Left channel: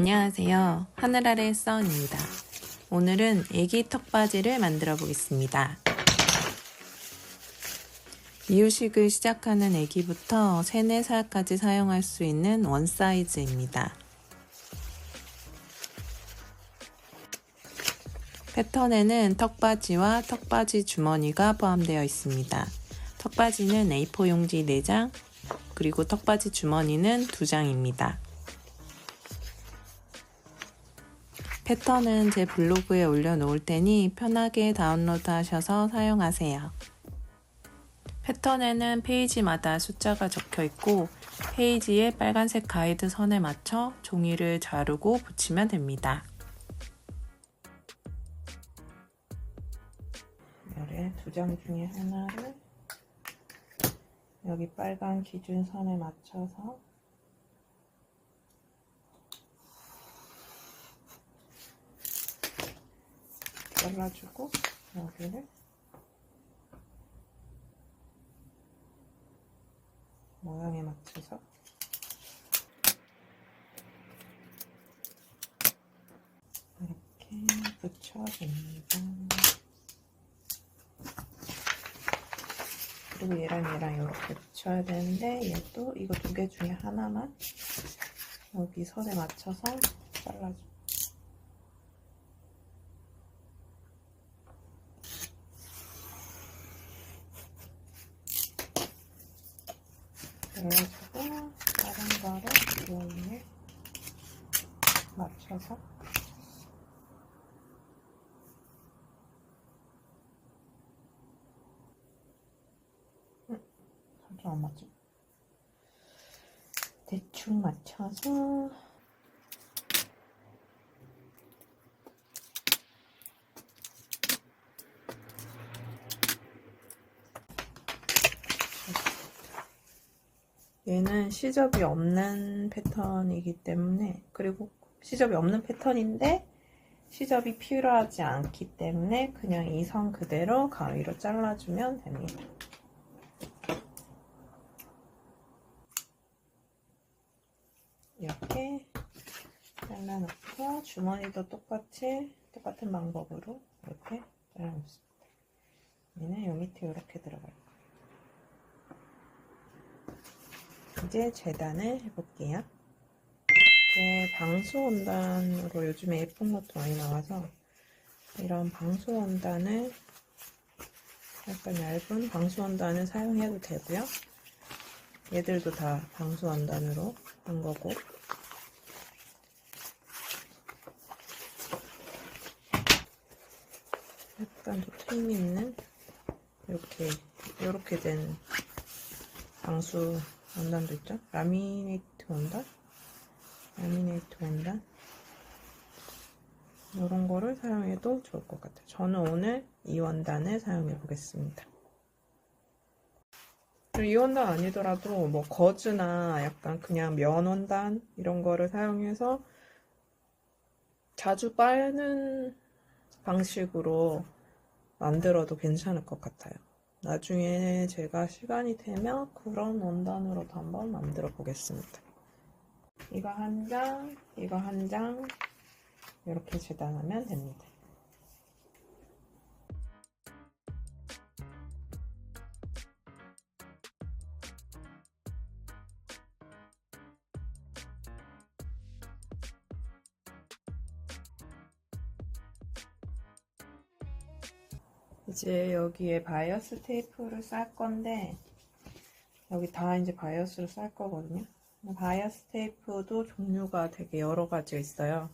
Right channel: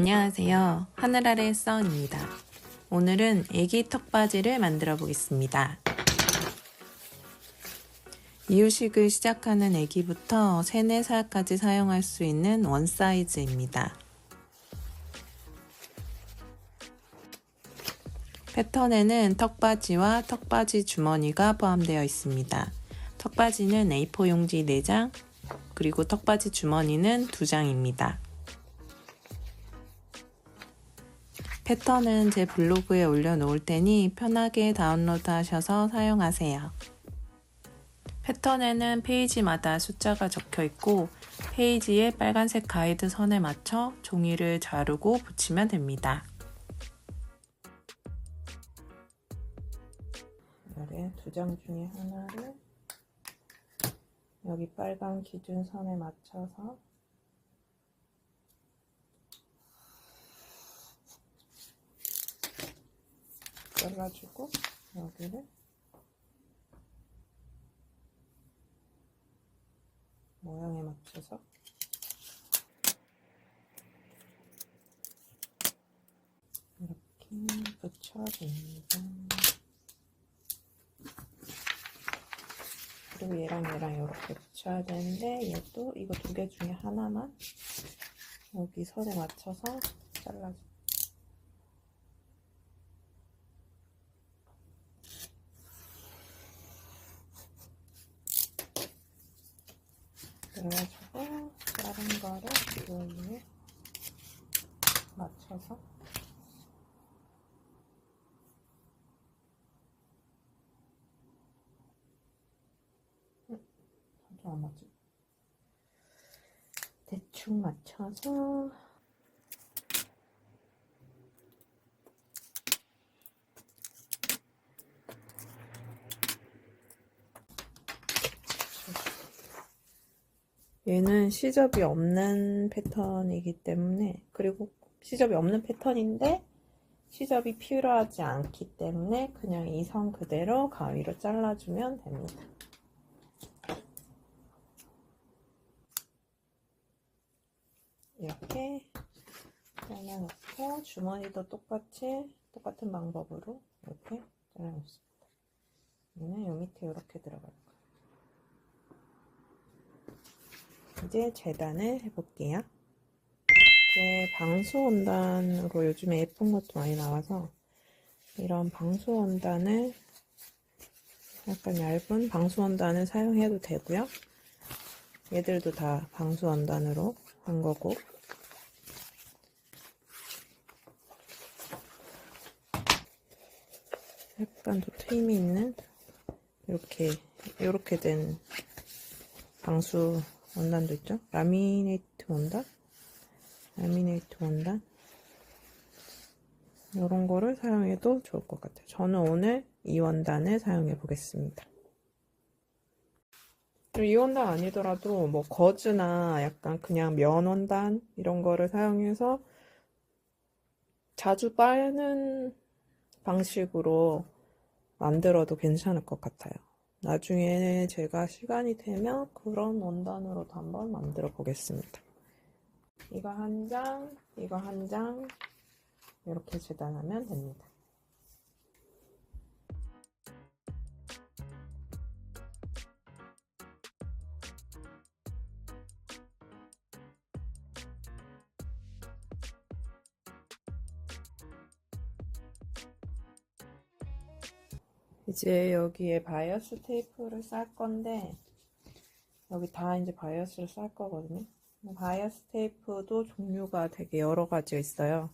안녕하세요. 하늘 아래 써은입니다. 오늘은 애기 턱바지를 만들어 보겠습니다. 이유식을 시작하는 애기부터 3, 4살까지 사용할 수 있는 원 사이즈입니다. 패턴에는 턱바지와 턱바지 주머니가 포함되어 있습니다. 턱바지는 A4 용지 4장, 그리고 턱바지 주머니는 2장입니다. 패턴은 제 블로그에 올려놓을 테니 편하게 다운로드 하셔서 사용하세요. 패턴에는 페이지마다 숫자가 적혀 있고 페이지에 빨간색 가이드 선에 맞춰 종이를 자르고 붙이면 됩니다. 열의 2장 중에 하나를 여기 빨간 기준선에 맞춰서 잘라주고 여기를 모양에 맞춰서 이렇게 붙여줍니다. 그리고 얘랑 이렇게 붙여야 되는데 얘도 이거 2개 중에 하나만 여기 선에 맞춰서 잘라줘. 그래가지고 다른 거를 이 위에 맞춰서 좀 안 맞죠? 대충 맞춰서 얘는 시접이 없는 패턴이기 때문에, 그리고 시접이 없는 패턴인데 시접이 필요하지 않기 때문에 그냥 이 선 그대로 가위로 잘라주면 됩니다. 이렇게 잘라놓고 주머니도 똑같은 방법으로 이렇게 잘라놓습니다. 얘는 요 밑에 이렇게 들어갈 거예요. 이제 재단을 해볼게요. 이렇게 방수 원단으로 요즘에 예쁜 것도 많이 나와서 이런 방수 원단을, 약간 얇은 방수 원단을 사용해도 되고요. 얘들도 다 방수 원단으로 한 거고, 약간 더 트임 있는 이렇게 된 방수 원단도 있죠. 라미네이트 원단 이런 거를 사용해도 좋을 것 같아요. 저는 오늘 이 원단을 사용해 보겠습니다. 이 원단 아니더라도 뭐 거즈나 약간 그냥 면 원단 이런 거를 사용해서 자주 빨는 방식으로 만들어도 괜찮을 것 같아요. 나중에 제가 시간이 되면 그런 원단으로도 한번 만들어 보겠습니다. 이거 한 장, 이거 한 장 이렇게 재단하면 됩니다. 이제 여기에 바이어스 테이프를 쌀 건데, 여기 다 이제 바이어스를 쌀 거거든요. 바이어스 테이프도 종류가 되게 여러 가지가 있어요.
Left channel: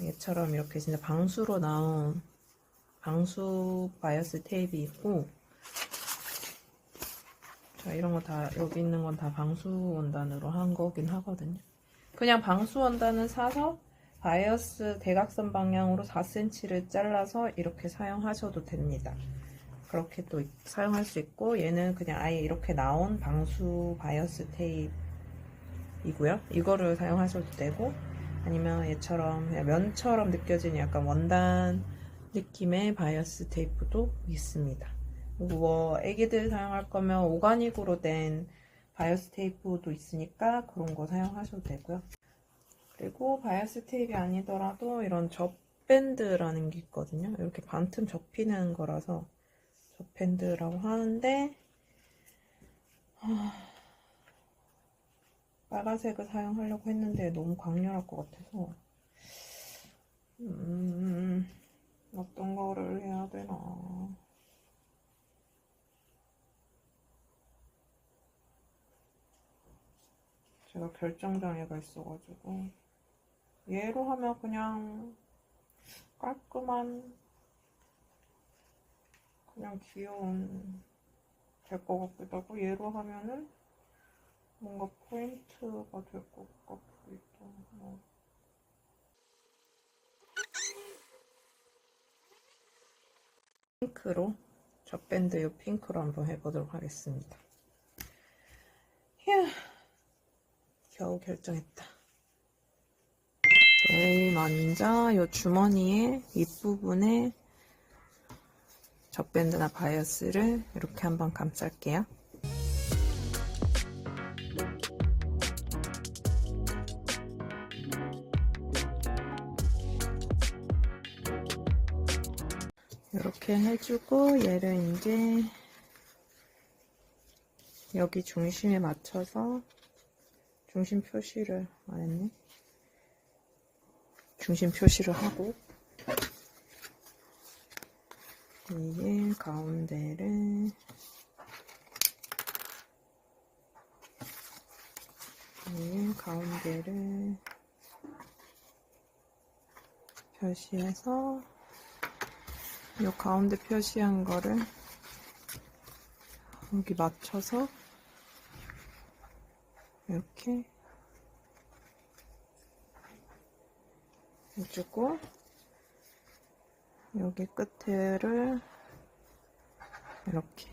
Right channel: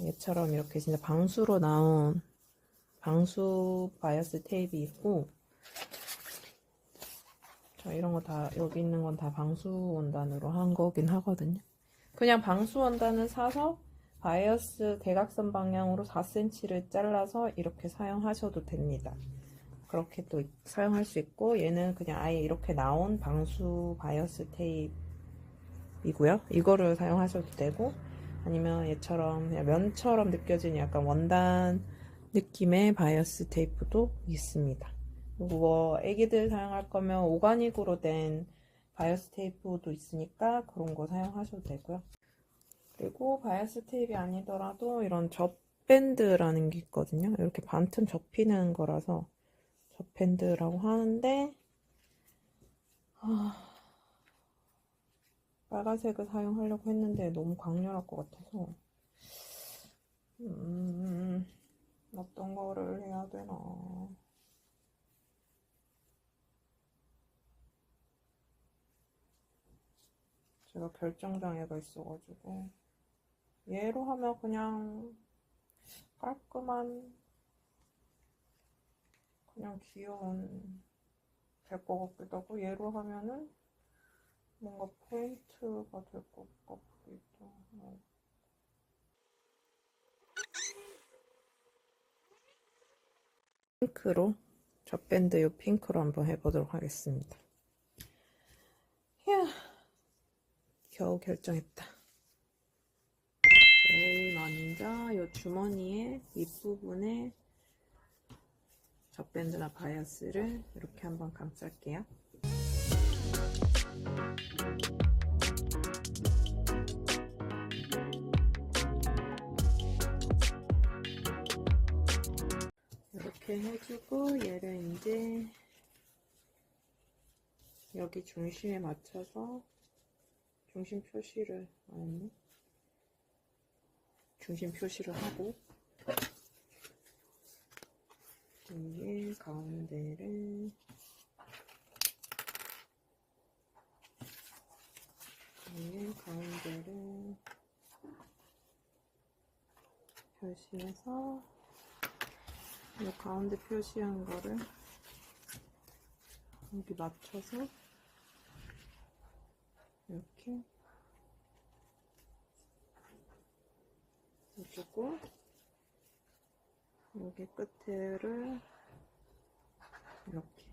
얘처럼 이렇게 진짜 방수로 나온 방수 바이어스 테이프 있고, 자, 이런 거 다, 여기 있는 건 다 방수 원단으로 한 거긴 하거든요. 그냥 방수 원단을 사서 바이어스 대각선 방향으로 4cm를 잘라서 이렇게 사용하셔도 됩니다. 그렇게 또 사용할 수 있고, 얘는 그냥 아예 이렇게 나온 방수 바이어스 테이프이고요. 이거를 사용하셔도 되고, 아니면 얘처럼 그냥 면처럼 느껴지는 약간 원단 느낌의 바이어스 테이프도 있습니다. 그리고 뭐 애기들 사용할 거면 오가닉으로 된 바이어스 테이프도 있으니까 그런 거 사용하셔도 되고요. 그리고 그리고 바이어스 테이프가 아니더라도 이런 접밴드라는 게 있거든요. 이렇게 반틈 접히는 거라서 접밴드라고 하는데 빨간색을 사용하려고 했는데 너무 강렬할 것 같아서 어떤 거를 해야 되나. 제가 결정장애가 있어가지고 얘로 하면 그냥 깔끔한 그냥 귀여운 될 것 같기도 하고 얘로 하면은 뭔가 포인트가 될 것 같기도 하고. 핑크로 접밴드 이 핑크로 한번 해보도록 하겠습니다. 휴, 겨우 결정했다. 제일 먼저 이 주머니의 윗부분에 접밴드나 바이어스를 이렇게 한번 감쌀게요. 이렇게 해주고 얘를 이제 여기 중심에 맞춰서 중심 표시를 안 했네. 중심 표시를 하고 이게 가운데를 표시해서 이 가운데 표시한 거를 여기 맞춰서 이렇게 해주고 여기 끝에를 이렇게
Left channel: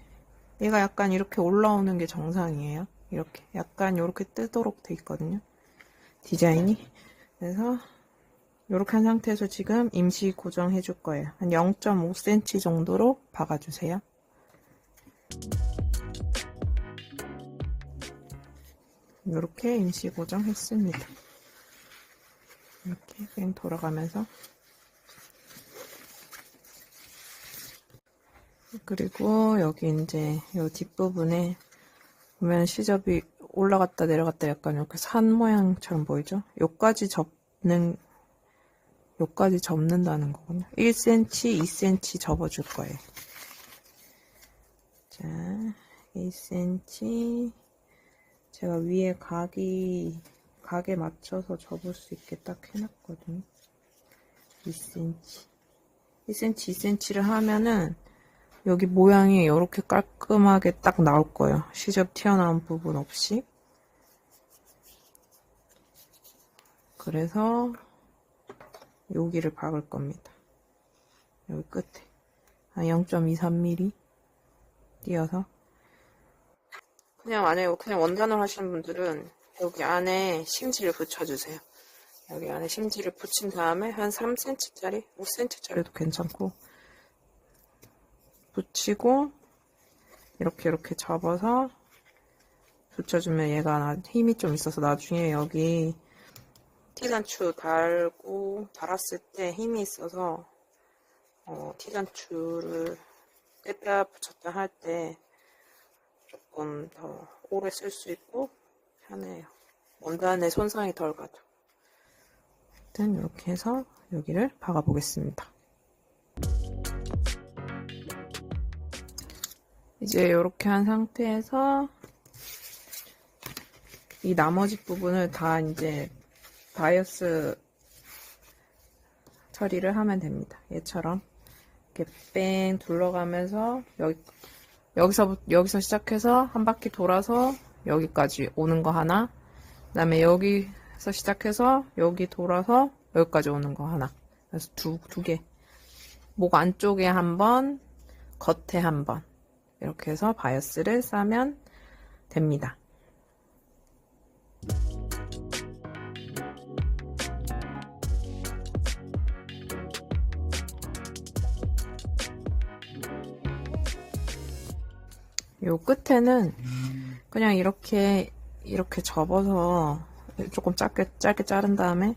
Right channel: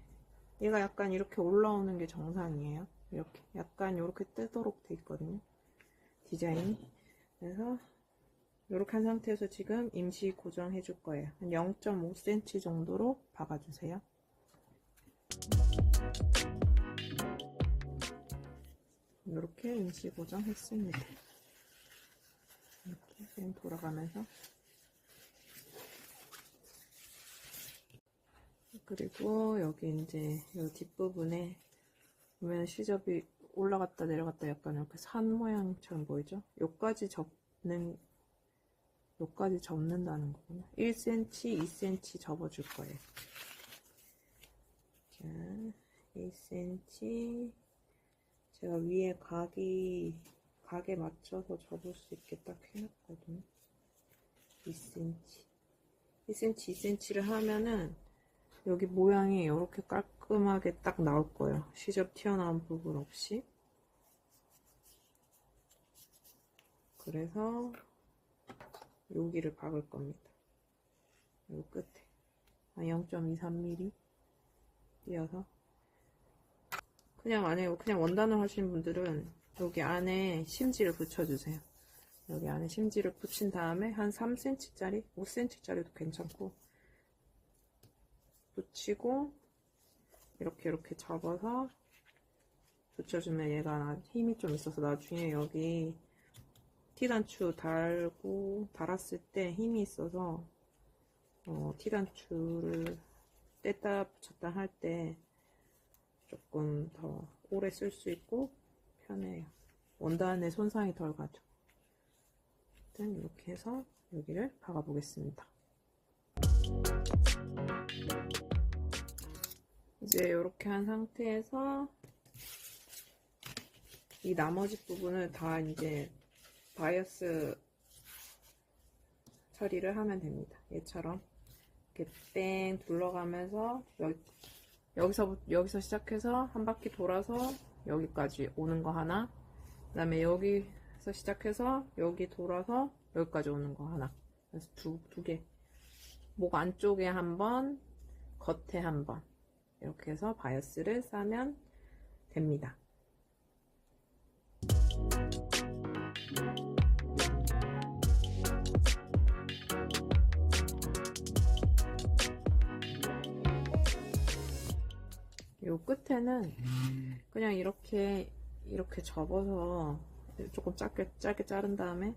얘가 약간 이렇게 올라오는 게 정상이에요. 이렇게 약간 이렇게 뜨도록 돼 있거든요. 디자인이. 그래서 이렇게 한 상태에서 지금 임시 고정해 줄 거예요. 한 0.5cm 정도로 박아주세요. 이렇게 임시 고정했습니다. 이렇게 그냥 돌아가면서 그리고 여기 이제 이 뒷부분에 보면 시접이 올라갔다 내려갔다 약간 이렇게 산 모양처럼 보이죠? 요까지 접는다는 거군요. 1cm, 2cm 접어줄 거예요. 자, 2cm. 제가 위에 각에 맞춰서 접을 수 있게 딱 해놨거든요. 2cm. 2cm, 2cm를 하면은 여기 모양이 이렇게 깔끔하게 딱 나올 거예요. 시접 튀어나온 부분 없이. 그래서 여기를 박을 겁니다. 여기 끝에 한 0.23mm 띄어서 그냥 안에 그냥 원단을 하시는 분들은 여기 안에 심지를 붙여주세요. 여기 안에 심지를 붙인 다음에 한 3cm짜리, 5cm짜리도 괜찮고 붙이고 이렇게 접어서 붙여주면 얘가 힘이 좀 있어서 나중에 여기 티단추 달았을 때 힘이 있어서 티단추를 뗐다 붙였다 할 때 조금 더 오래 쓸 수 있고 편해요. 원단에 손상이 덜 가죠. 일단 이렇게 해서 여기를 박아 보겠습니다. 이제 이렇게 한 상태에서 이 나머지 부분을 다 이제 바이어스 처리를 하면 됩니다. 얘처럼 이렇게 뺑 둘러가면서 여기서 시작해서 한 바퀴 돌아서 여기까지 오는 거 하나, 그 다음에 여기서 시작해서 여기 돌아서 여기까지 오는 거 하나. 그래서 두 개. 목 안쪽에 한 번, 겉에 한 번. 이렇게 해서 바이어스를 싸면 됩니다. 요 끝에는 그냥 이렇게 접어서 조금 짧게 자른 다음에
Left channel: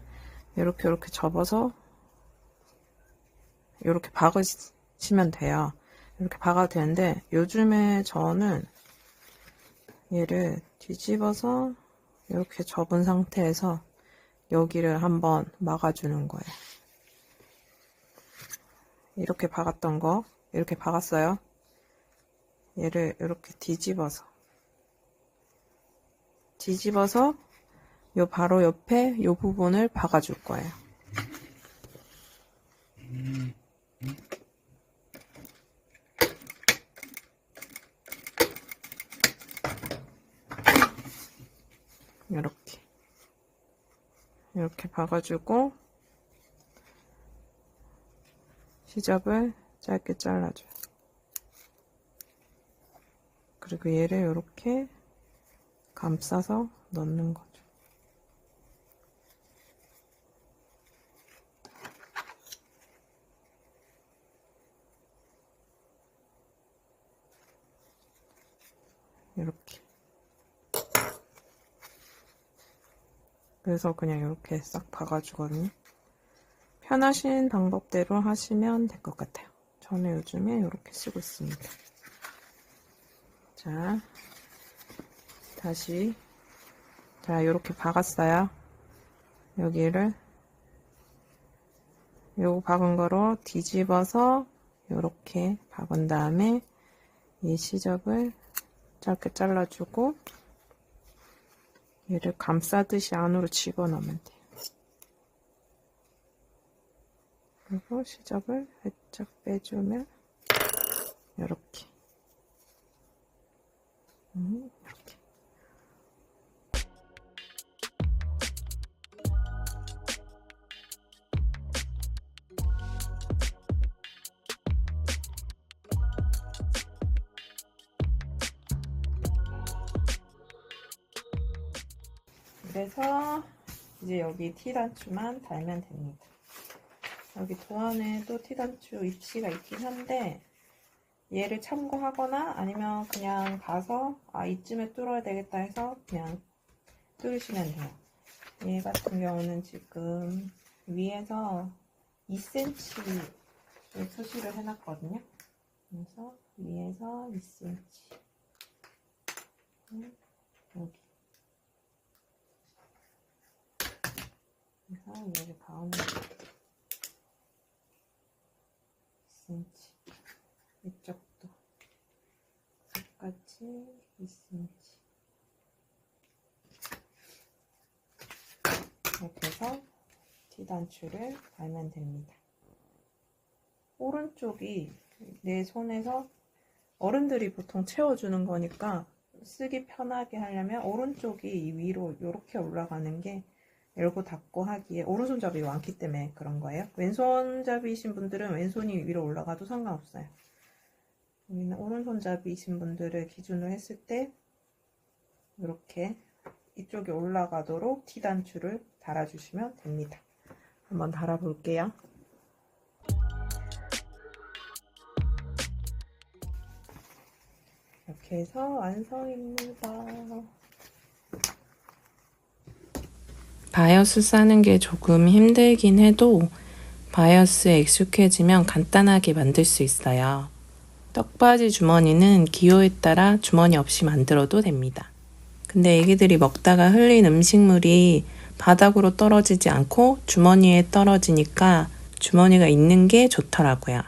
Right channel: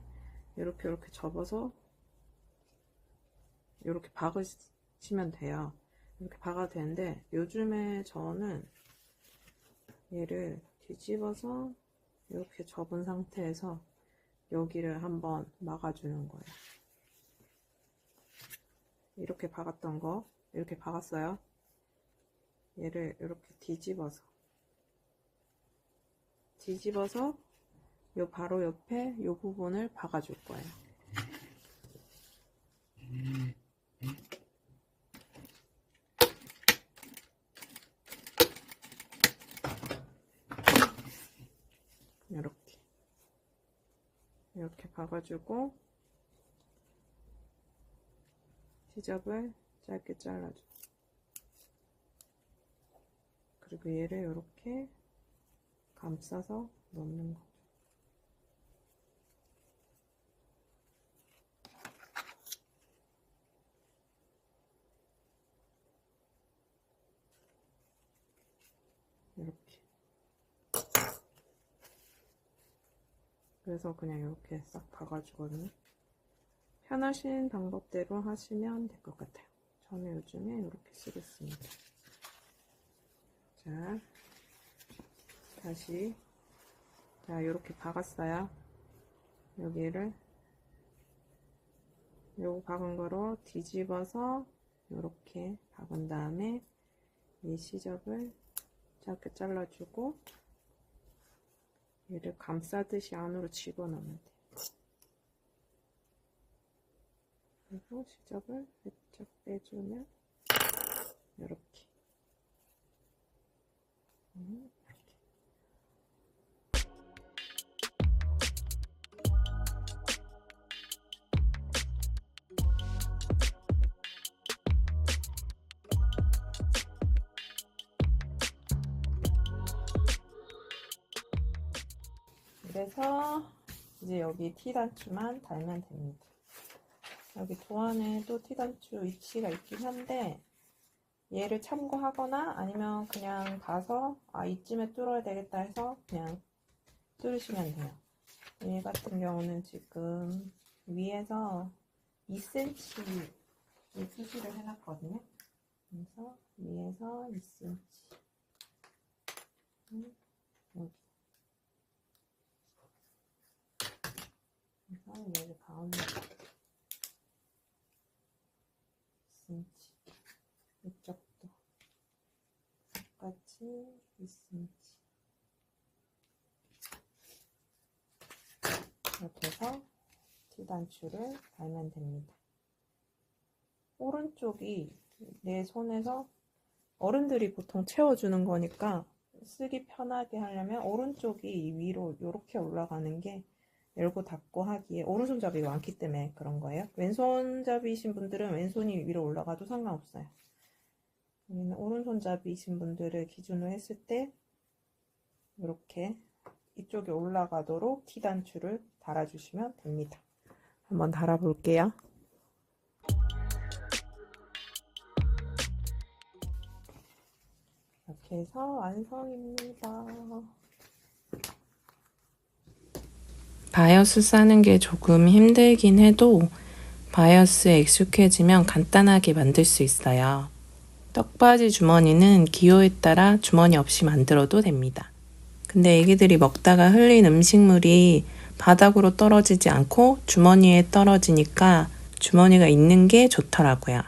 이렇게 접어서 이렇게 박으시면 돼요. 이렇게 박아도 되는데 요즘에 저는 얘를 뒤집어서 이렇게 접은 상태에서 여기를 한번 막아주는 거예요. 이렇게 박았던 거 이렇게 박았어요. 얘를 이렇게 뒤집어서 요 바로 옆에 요 부분을 박아줄 거예요. 이렇게 박아주고 시접을 짧게 잘라줘요. 그리고 얘를 이렇게 감싸서 넣는 거죠. 이렇게. 그래서 그냥 이렇게 싹 박아주거든요. 편하신 방법대로 하시면 될 것 같아요. 저는 요즘에 이렇게 쓰고 있습니다. 자, 다시. 자, 이렇게 박았어요. 여기를 요거 박은 거로 뒤집어서 이렇게 박은 다음에 이 시접을 짧게 잘라주고 얘를 감싸듯이 안으로 집어넣으면 돼요. 그리고 시접을 살짝 빼주면 이렇게 이렇게. 그래서 이제 여기 T단추만 달면 됩니다. 여기 도안에도 T단추 위치가 있긴 한데 얘를 참고하거나 아니면 그냥 봐서 이쯤에 뚫어야 되겠다 해서 그냥 뚫으시면 돼요. 얘 같은 경우는 지금 위에서 2cm를 수시를 해놨거든요. 그래서 위에서 2cm 여기 그래서 얘를 가운데 2cm 이쪽도 똑같이 2cm 이렇게 해서 T단추를 달면 됩니다. 오른쪽이 내 손에서 어른들이 보통 채워주는 거니까 쓰기 편하게 하려면 오른쪽이 위로 이렇게 올라가는 게 열고 닫고 하기에 오른손잡이 많기 때문에 그런 거예요. 왼손잡이이신 분들은 왼손이 위로 올라가도 상관없어요. 우리는 오른손잡이이신 분들을 기준으로 했을 때 이렇게 이쪽에 올라가도록 T단추를 달아주시면 됩니다. 한번 달아볼게요. 이렇게 해서 완성입니다. 바이어스 싸는 게 조금 힘들긴 해도 바이어스에 익숙해지면 간단하게 만들 수 있어요. 떡바지 주머니는 기호에 따라 주머니 없이 만들어도 됩니다. 근데 애기들이 먹다가 흘린 음식물이 바닥으로 떨어지지 않고 주머니에 떨어지니까 주머니가 있는 게 좋더라고요.